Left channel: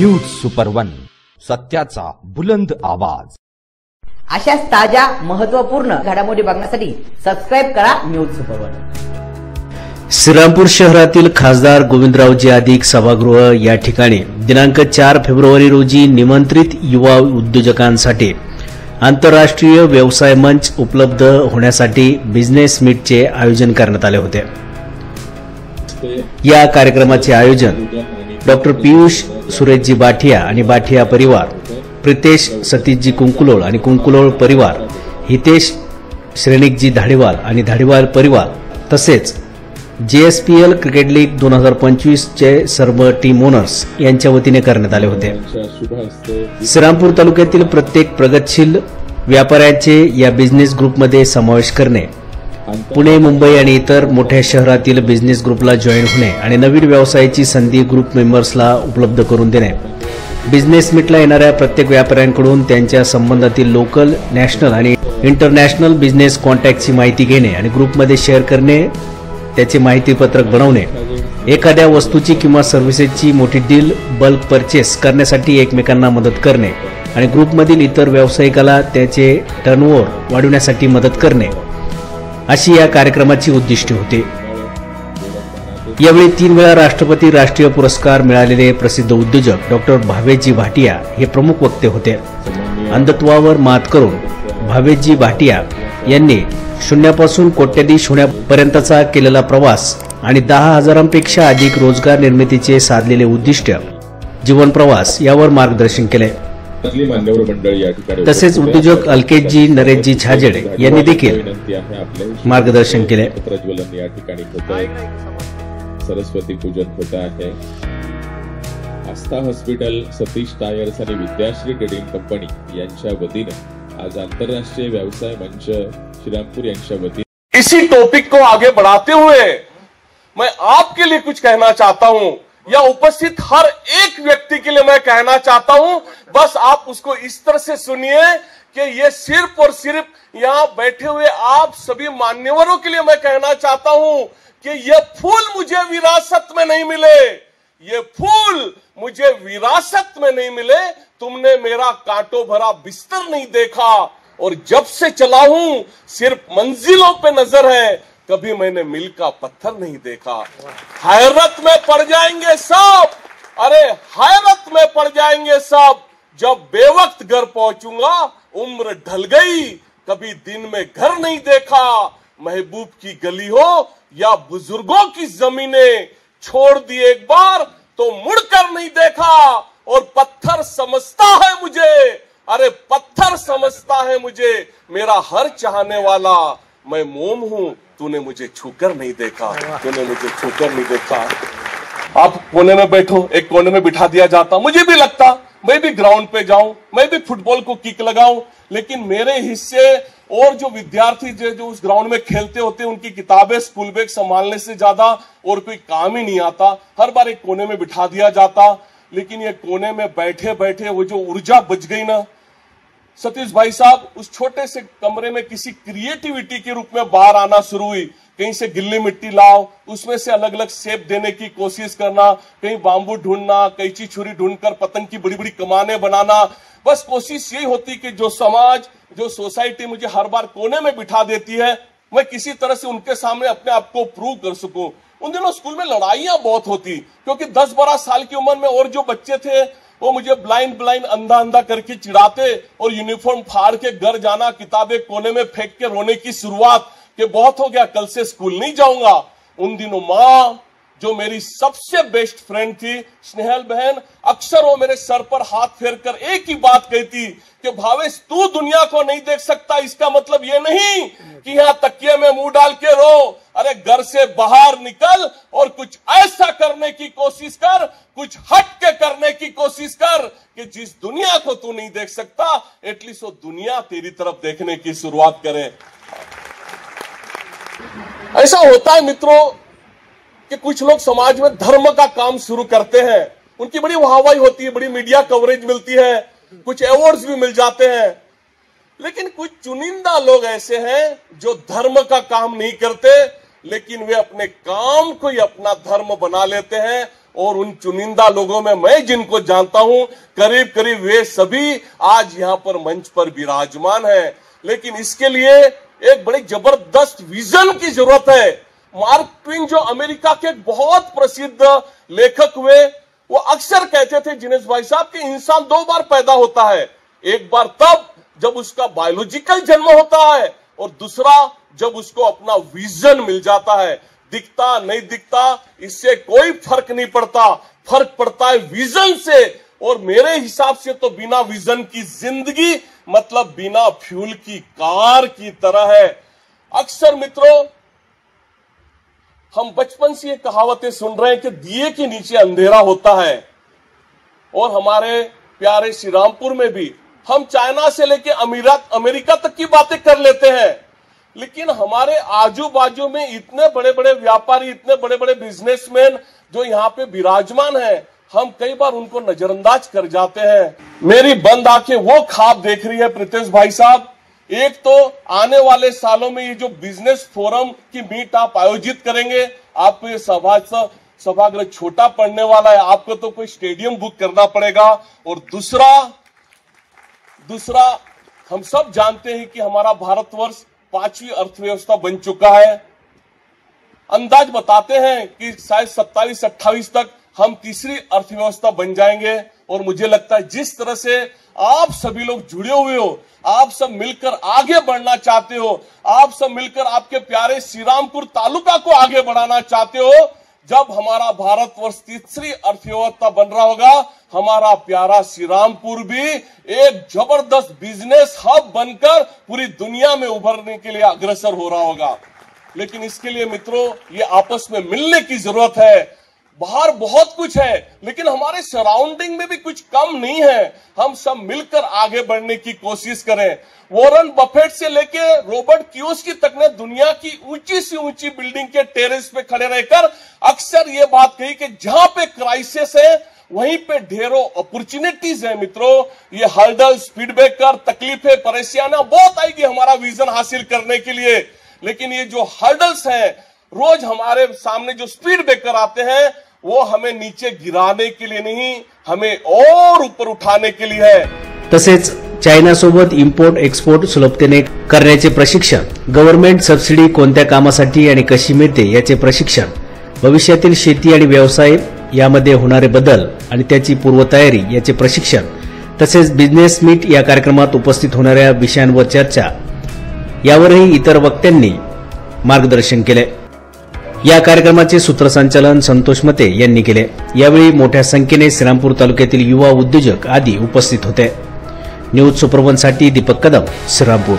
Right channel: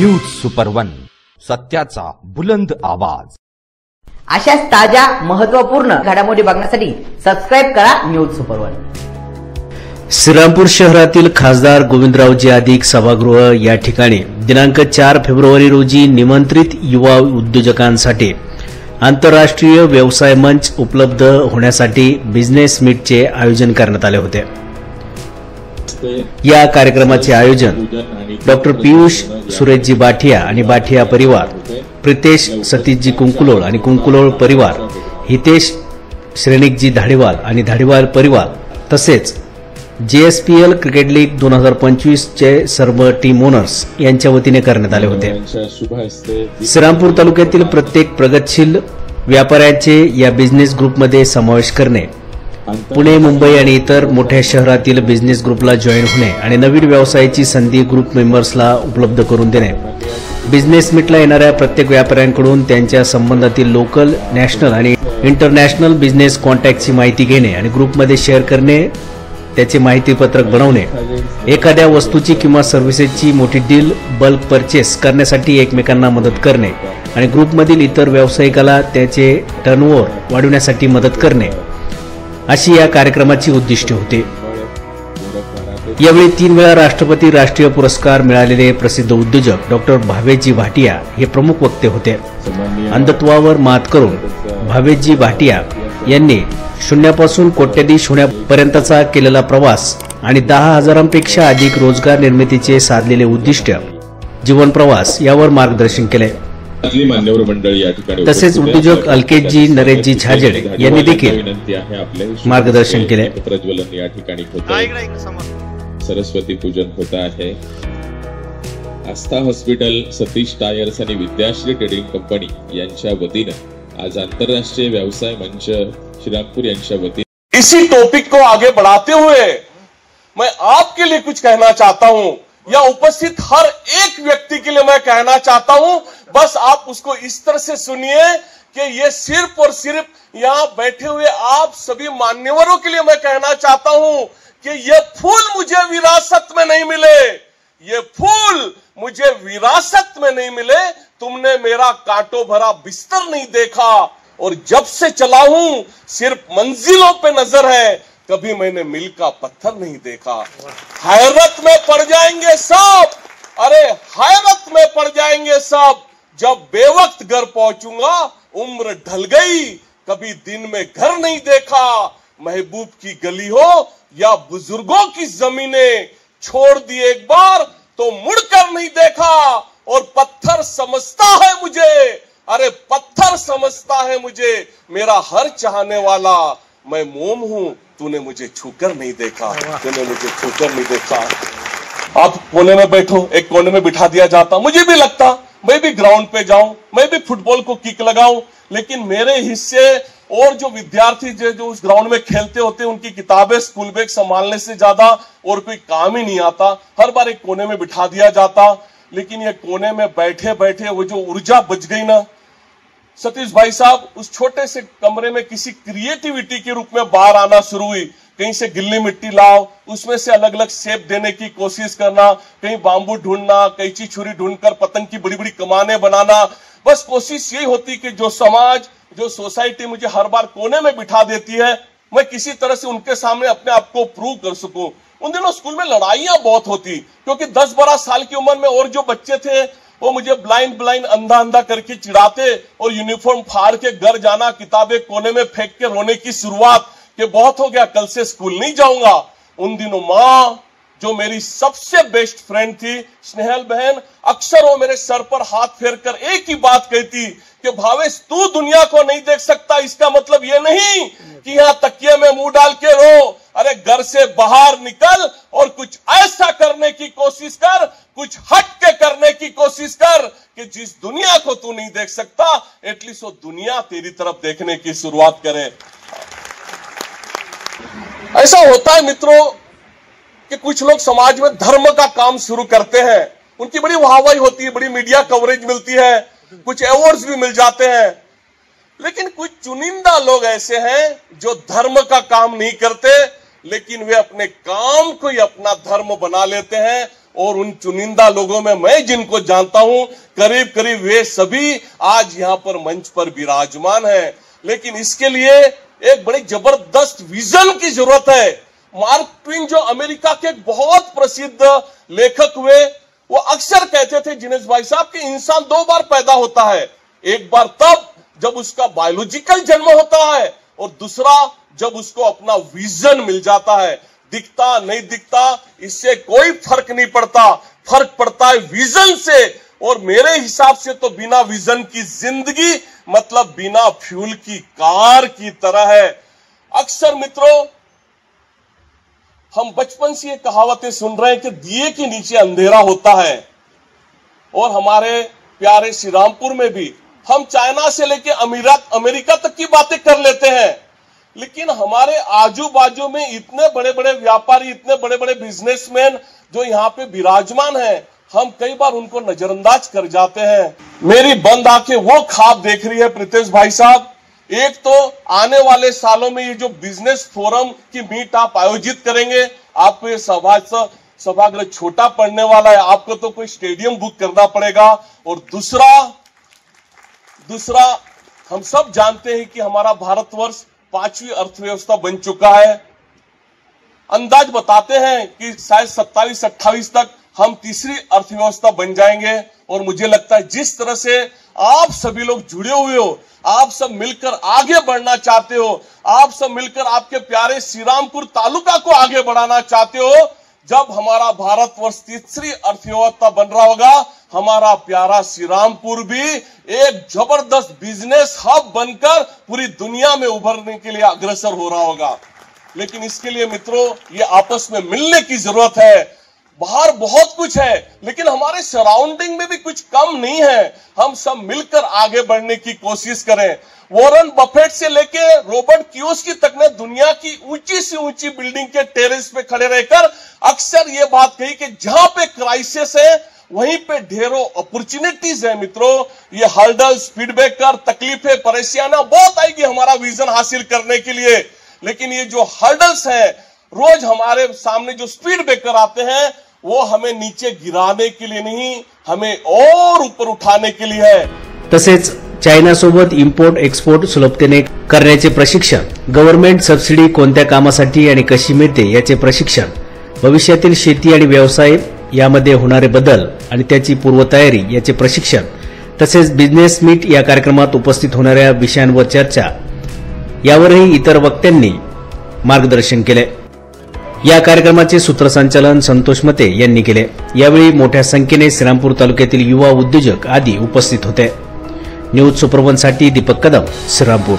News सुपर1, सत्याचा बुलंद आवाज। अशाच ताज्या महत्त्वपूर्ण घडामोडी बघण्यासाठी सबस्क्राइब करा न्यूज सुपर1। श्रीरामपूर शहरातील खासदार गोविंदरावजी अधिक सभागृह या ठिकाणी दिनांक 4 फेब्रुवारी रोजी निमंत्रित युवा उद्योजकांसाठी आंतरराष्ट्रीय व्यवसाय मंच उपलब्ध होण्यासाठी बिझनेस मीटचे आयोजन करण्यात आले होते। या कार्यक्रमाचे आयोजन डॉक्टर पीयूष सुरेशजी बाठिया आणि बाठिया परिवार, प्रितेश सतीशजी कुंकुलोळ आणि कुंकुलोळ परिवार, हितेश श्रेणिकजी धाडीवाल आणि धाडीवाल परिवार तसेच JSPL क्रिकेट लीग 2025 चे सर्व टीम ओनर्स यांच्या वतीने करण्यात आले होते। श्रीरामपूर तालुक्यातील प्रत्येक प्रगतशील व्यापाऱ्यांचे या बिझनेस ग्रुपमध्ये समावेश करणे, पुणे, मुंबई आणि इतर मोठ्या शहरातील बिझनेस ग्रुपला जॉईन होणे आणि नवीन व्यवसायाची संधी ग्रुप मेंबर्सला उपलब्ध करून देणे, बिझनेस मीटला येणाऱ्या प्रत्येक व्यापाऱ्यांकडून त्यांच्या संबंधातील लोकल, नॅशनल आणि इंटरनॅशनल बिझनेस कॉन्टॅक्टची माहिती घेणे आणि ग्रुपमध्ये शेअर करणे, त्याचे माहितीपत्रक बनवणे, एखाद्या वस्तूची किंवा सर्व्हिसेसची मोठी डील बल्क परचेस करण्यासाठी एकमेकांना मदत करणे आणि ग्रुपमधील इतर व्यावसायिकाला त्याचे टर्नओव्हर वाढवण्यासाठी मदत करणे अशी या कार्यक्रमाची उद्दिष्टे होती। यावेळी 3 वेळा राष्ट्रपती राष्ट्रीय पुरस्कार मिळालेले प्रसिद्ध उद्योजक डॉक्टर भावेशजी भाटिया हे प्रमुख वक्ते होते। अंधत्वावर मात करून भावेशजी भाटिया यांनी शून्यापासून कोट्याधीश होण्यापर्यंतचा केलेला प्रवास आणि 10,000पेक्षा अधिक रोजगार निर्मितीचे साधलेले उद्दिष्ट जीवन प्रवास यावर मार्गदर्शन केले। तसेच उद्योजक अल्केशजी नरेशजी छाजेडे यांनी देखील मार्गदर्शन केले। सरस्वती पूजन होता है। आस्था हॉस्पिटल, सतीश टायर्स आणि विद्याश्री ट्रेडिंग कंपनी यांच्या वतीने आज आंतरराष्ट्रीय व्यवसाय मंच श्रीरामपुर यांच्या वतीने इसी टॉपिक को आगे बढ़ाते हुए मैं आपके लिए कुछ कहना चाहता हूं, या उपस्थित हर एक व्यक्ति के लिए मैं कहना चाहता हूं। बस आप उसको इस तरह से सुनिए कि ये सिर्फ और सिर्फ यहां बैठे हुए आप सभी मान्यवरों के लिए मैं कहना चाहता हूं कि ये फूल मुझे विरासत में नहीं मिले, ये फूल मुझे विरासत में नहीं मिले। तुमने मेरा कांटों भरा बिस्तर नहीं देखा और जब से चला हूं सिर्फ मंजिलों पे नजर है, कभी मैंने मील का पत्थर नहीं देखा। हैरत में पड़ जाएंगे सब, अरे हैरत में पड़ जाएंगे सब, जब बेवक्त घर पहुंचूंगा उम्र ढल गई, कभी दिन में घर नहीं देखा। महबूब की गली हो या बुजुर्गों की जमीनें, छोड़ दी एक बार तो मुड़कर नहीं देखा। और पत्थर समझता है मुझे, अरे पत्थर समझता है मुझे मेरा हर चाहने वाला। मैं मोम हूं, तूने मुझे छूकर नहीं देखा, तूने मुझे छूकर नहीं देखा। आप कोने में बैठो, एक कोने में बिठा दिया जाता, मुझे भी लगता मैं भी ग्राउंड पे जाऊं, मैं भी फुटबॉल को किक लगाऊं, लेकिन मेरे हिस्से और जो विद्यार्थी जो उस ग्राउंड में खेलते होते हैं उनकी किताबें, स्कूल बैग संभालने से ज्यादा और कोई काम ही नहीं आता। हर बार एक कोने में बिठा दिया जाता, लेकिन ये कोने में बैठे बैठे वो जो ऊर्जा बच गई ना सतीश भाई साहब, उस छोटे से कमरे में किसी क्रिएटिविटी के रूप में बाहर आना शुरू हुई। कहीं से गिल्ली मिट्टी लाओ, उसमें से अलग अलग शेप देने की कोशिश करना, कहीं बांबू ढूंढना, कैंची छुरी ढूंढकर पतंग की बड़ी बड़ी कमाने बनाना। बस कोशिश यही होती कि जो समाज, जो सोसाइटी मुझे हर बार कोने में बिठा देती है, मैं किसी तरह से उनके सामने अपने आप को प्रूव कर सकूं। उन दिनों स्कूल में लड़ाइयां बहुत होती, क्योंकि 10-12 साल की उम्र में और जो बच्चे थे वो मुझे ब्लाइंड अंधा करके चिढ़ाते और यूनिफॉर्म फाड़ के घर जाना, किताबें कोने में फेंक के रोने की शुरुआत कि बहुत हो गया, कल से स्कूल नहीं जाऊंगा। उन दिनों माँ, जो मेरी सबसे बेस्ट फ्रेंड थी, स्नेहल बहन, अक्सर वो मेरे सर पर हाथ फेर कर एक ही बात कहती कि भावेश तू दुनिया को नहीं देख सकता, इसका मतलब ये नहीं कि यहाँ तकिए में मुंह डाल के रो। अरे घर से बाहर निकल और कुछ ऐसा करने की कोशिश कर, कुछ हट के करने की कोशिश कर कि जिस दुनिया को तू नहीं देख सकता, एटलीस्ट वो दुनिया तेरी तरफ देखने की शुरुआत करे। ऐसा होता है मित्रों कि कुछ लोग समाज में धर्म का काम शुरू करते हैं, उनकी बड़ी वाहवाही होती है, बड़ी मीडिया कवरेज मिलती है, कुछ अवार्ड्स भी मिल जाते हैं। लेकिन कुछ चुनिंदा लोग ऐसे हैं जो धर्म का काम नहीं करते, लेकिन वे अपने काम को ही अपना धर्म बना लेते हैं और उन चुनिंदा लोगों में मैं जिनको जानता हूं, करीब करीब वे सभी आज यहां पर मंच पर विराजमान हैं। लेकिन इसके लिए एक बड़ी जबरदस्त विजन की जरूरत है। मार्क ट्वेन जो अमेरिका के एक बहुत प्रसिद्ध लेखक हुए, वो अक्सर कहते थे जिनेश भाई साहब कि इंसान दो बार पैदा होता है, एक बार तब जब उसका बायोलॉजिकल जन्म होता है और दूसरा जब उसको अपना विजन मिल जाता है। दिखता नहीं दिखता इससे कोई फर्क नहीं पड़ता, फर्क पड़ता है विजन से। और मेरे हिसाब से तो बिना विजन की जिंदगी मतलब बिना फ्यूल की कार की तरह है। अक्सर मित्रों हम बचपन से ये कहावतें सुन रहे हैं कि दिए के नीचे अंधेरा होता है, और हमारे प्यारे श्री रामपुर में भी हम चाइना से लेके अमेरिका तक की बातें कर लेते हैं, लेकिन हमारे आजू बाजू में इतने बड़े बड़े व्यापारी, इतने बड़े बड़े बिजनेसमैन जो यहाँ पे विराजमान हैं, हम कई बार उनको नजरअंदाज कर जाते हैं। मेरी बंद आंखें वो ख्वाब देख रही है प्रीतेश भाई साहब। एक तो आने वाले सालों में ये जो बिजनेस फोरम की मीट आप आयोजित करेंगे, आपको ये सभागृह छोटा पड़ने वाला है, आपको तो कोई स्टेडियम बुक करना पड़ेगा। और दूसरा हम सब जानते हैं कि हमारा भारतवर्ष 5वीं अर्थव्यवस्था बन चुका है। अंदाज बताते हैं कि शायद 27-28 तक हम तीसरी अर्थव्यवस्था बन जाएंगे। और मुझे लगता है जिस तरह से आप सभी लोग जुड़े हुए हो, आप सब मिलकर आगे बढ़ना चाहते हो, आप सब मिलकर आपके प्यारे श्रीरामपुर तालुका को आगे बढ़ाना चाहते हो, जब हमारा भारतवर्ष तीसरी अर्थव्यवस्था बन रहा होगा, हमारा प्यारा श्रीरामपुर भी एक जबरदस्त बिजनेस हब बनकर पूरी दुनिया में उभरने के लिए अग्रसर हो रहा होगा। लेकिन इसके लिए मित्रों ये आपस में मिलने की जरूरत है। बाहर बहुत कुछ है, लेकिन हमारे सराउंडिंग में भी कुछ कम नहीं है। हम सब मिलकर आगे बढ़ने की कोशिश करें। वॉरेन बफेट से लेके रॉबर्ट कियोसाकी तक ने दुनिया की ऊंची से ऊंची बिल्डिंग के टेरेस पे खड़े रहकर अक्सर ये बात कही कि जहां पे क्राइसिस है वहीं पे ढेरों अपॉर्चुनिटीज है। मित्रों ये हर्डल्स, फीडबैकर, तकलीफें, परेशानियां बहुत आएगी हमारा विजन हासिल करने के लिए, लेकिन ये जो हर्डल्स हैं, रोज हमारे सामने जो स्पीड ब्रेकर आते हैं, वो हमें नीचे गिराने के लिए नहीं, हमें और ऊपर उठाने के लिए है। तसेच चायनासोबत इम्पोर्ट एक्सपोर्ट सुलभतेने करण्याचे प्रशिक्षण, गव्हर्नमेंट सबसिडी कोणत्या कामासाठी आणि कशी मिळते याचे प्रशिक्षण, भविष्यातील शेती आणि व्यवसाय यामध्ये होणारे बदल आणि त्याची पूर्वतयारी याचे प्रशिक्षण, तसेच बिझनेस मीट या कार्यक्रमात उपस्थित होणाऱ्या विषयांवर चर्चा यावरही इतर वक्त्यांनी मार्गदर्शन केले। या कार्यक्रमाचे सूत्रसंचालन संतोष मते यांनी केले। यावेळी मोठ्या संख्येने श्रीरामपूर तालुक्यातील युवा उद्योजक आदी उपस्थित होते। न्यूज सुपरवनसाठी दीपक कदम, श्रीरामपूर।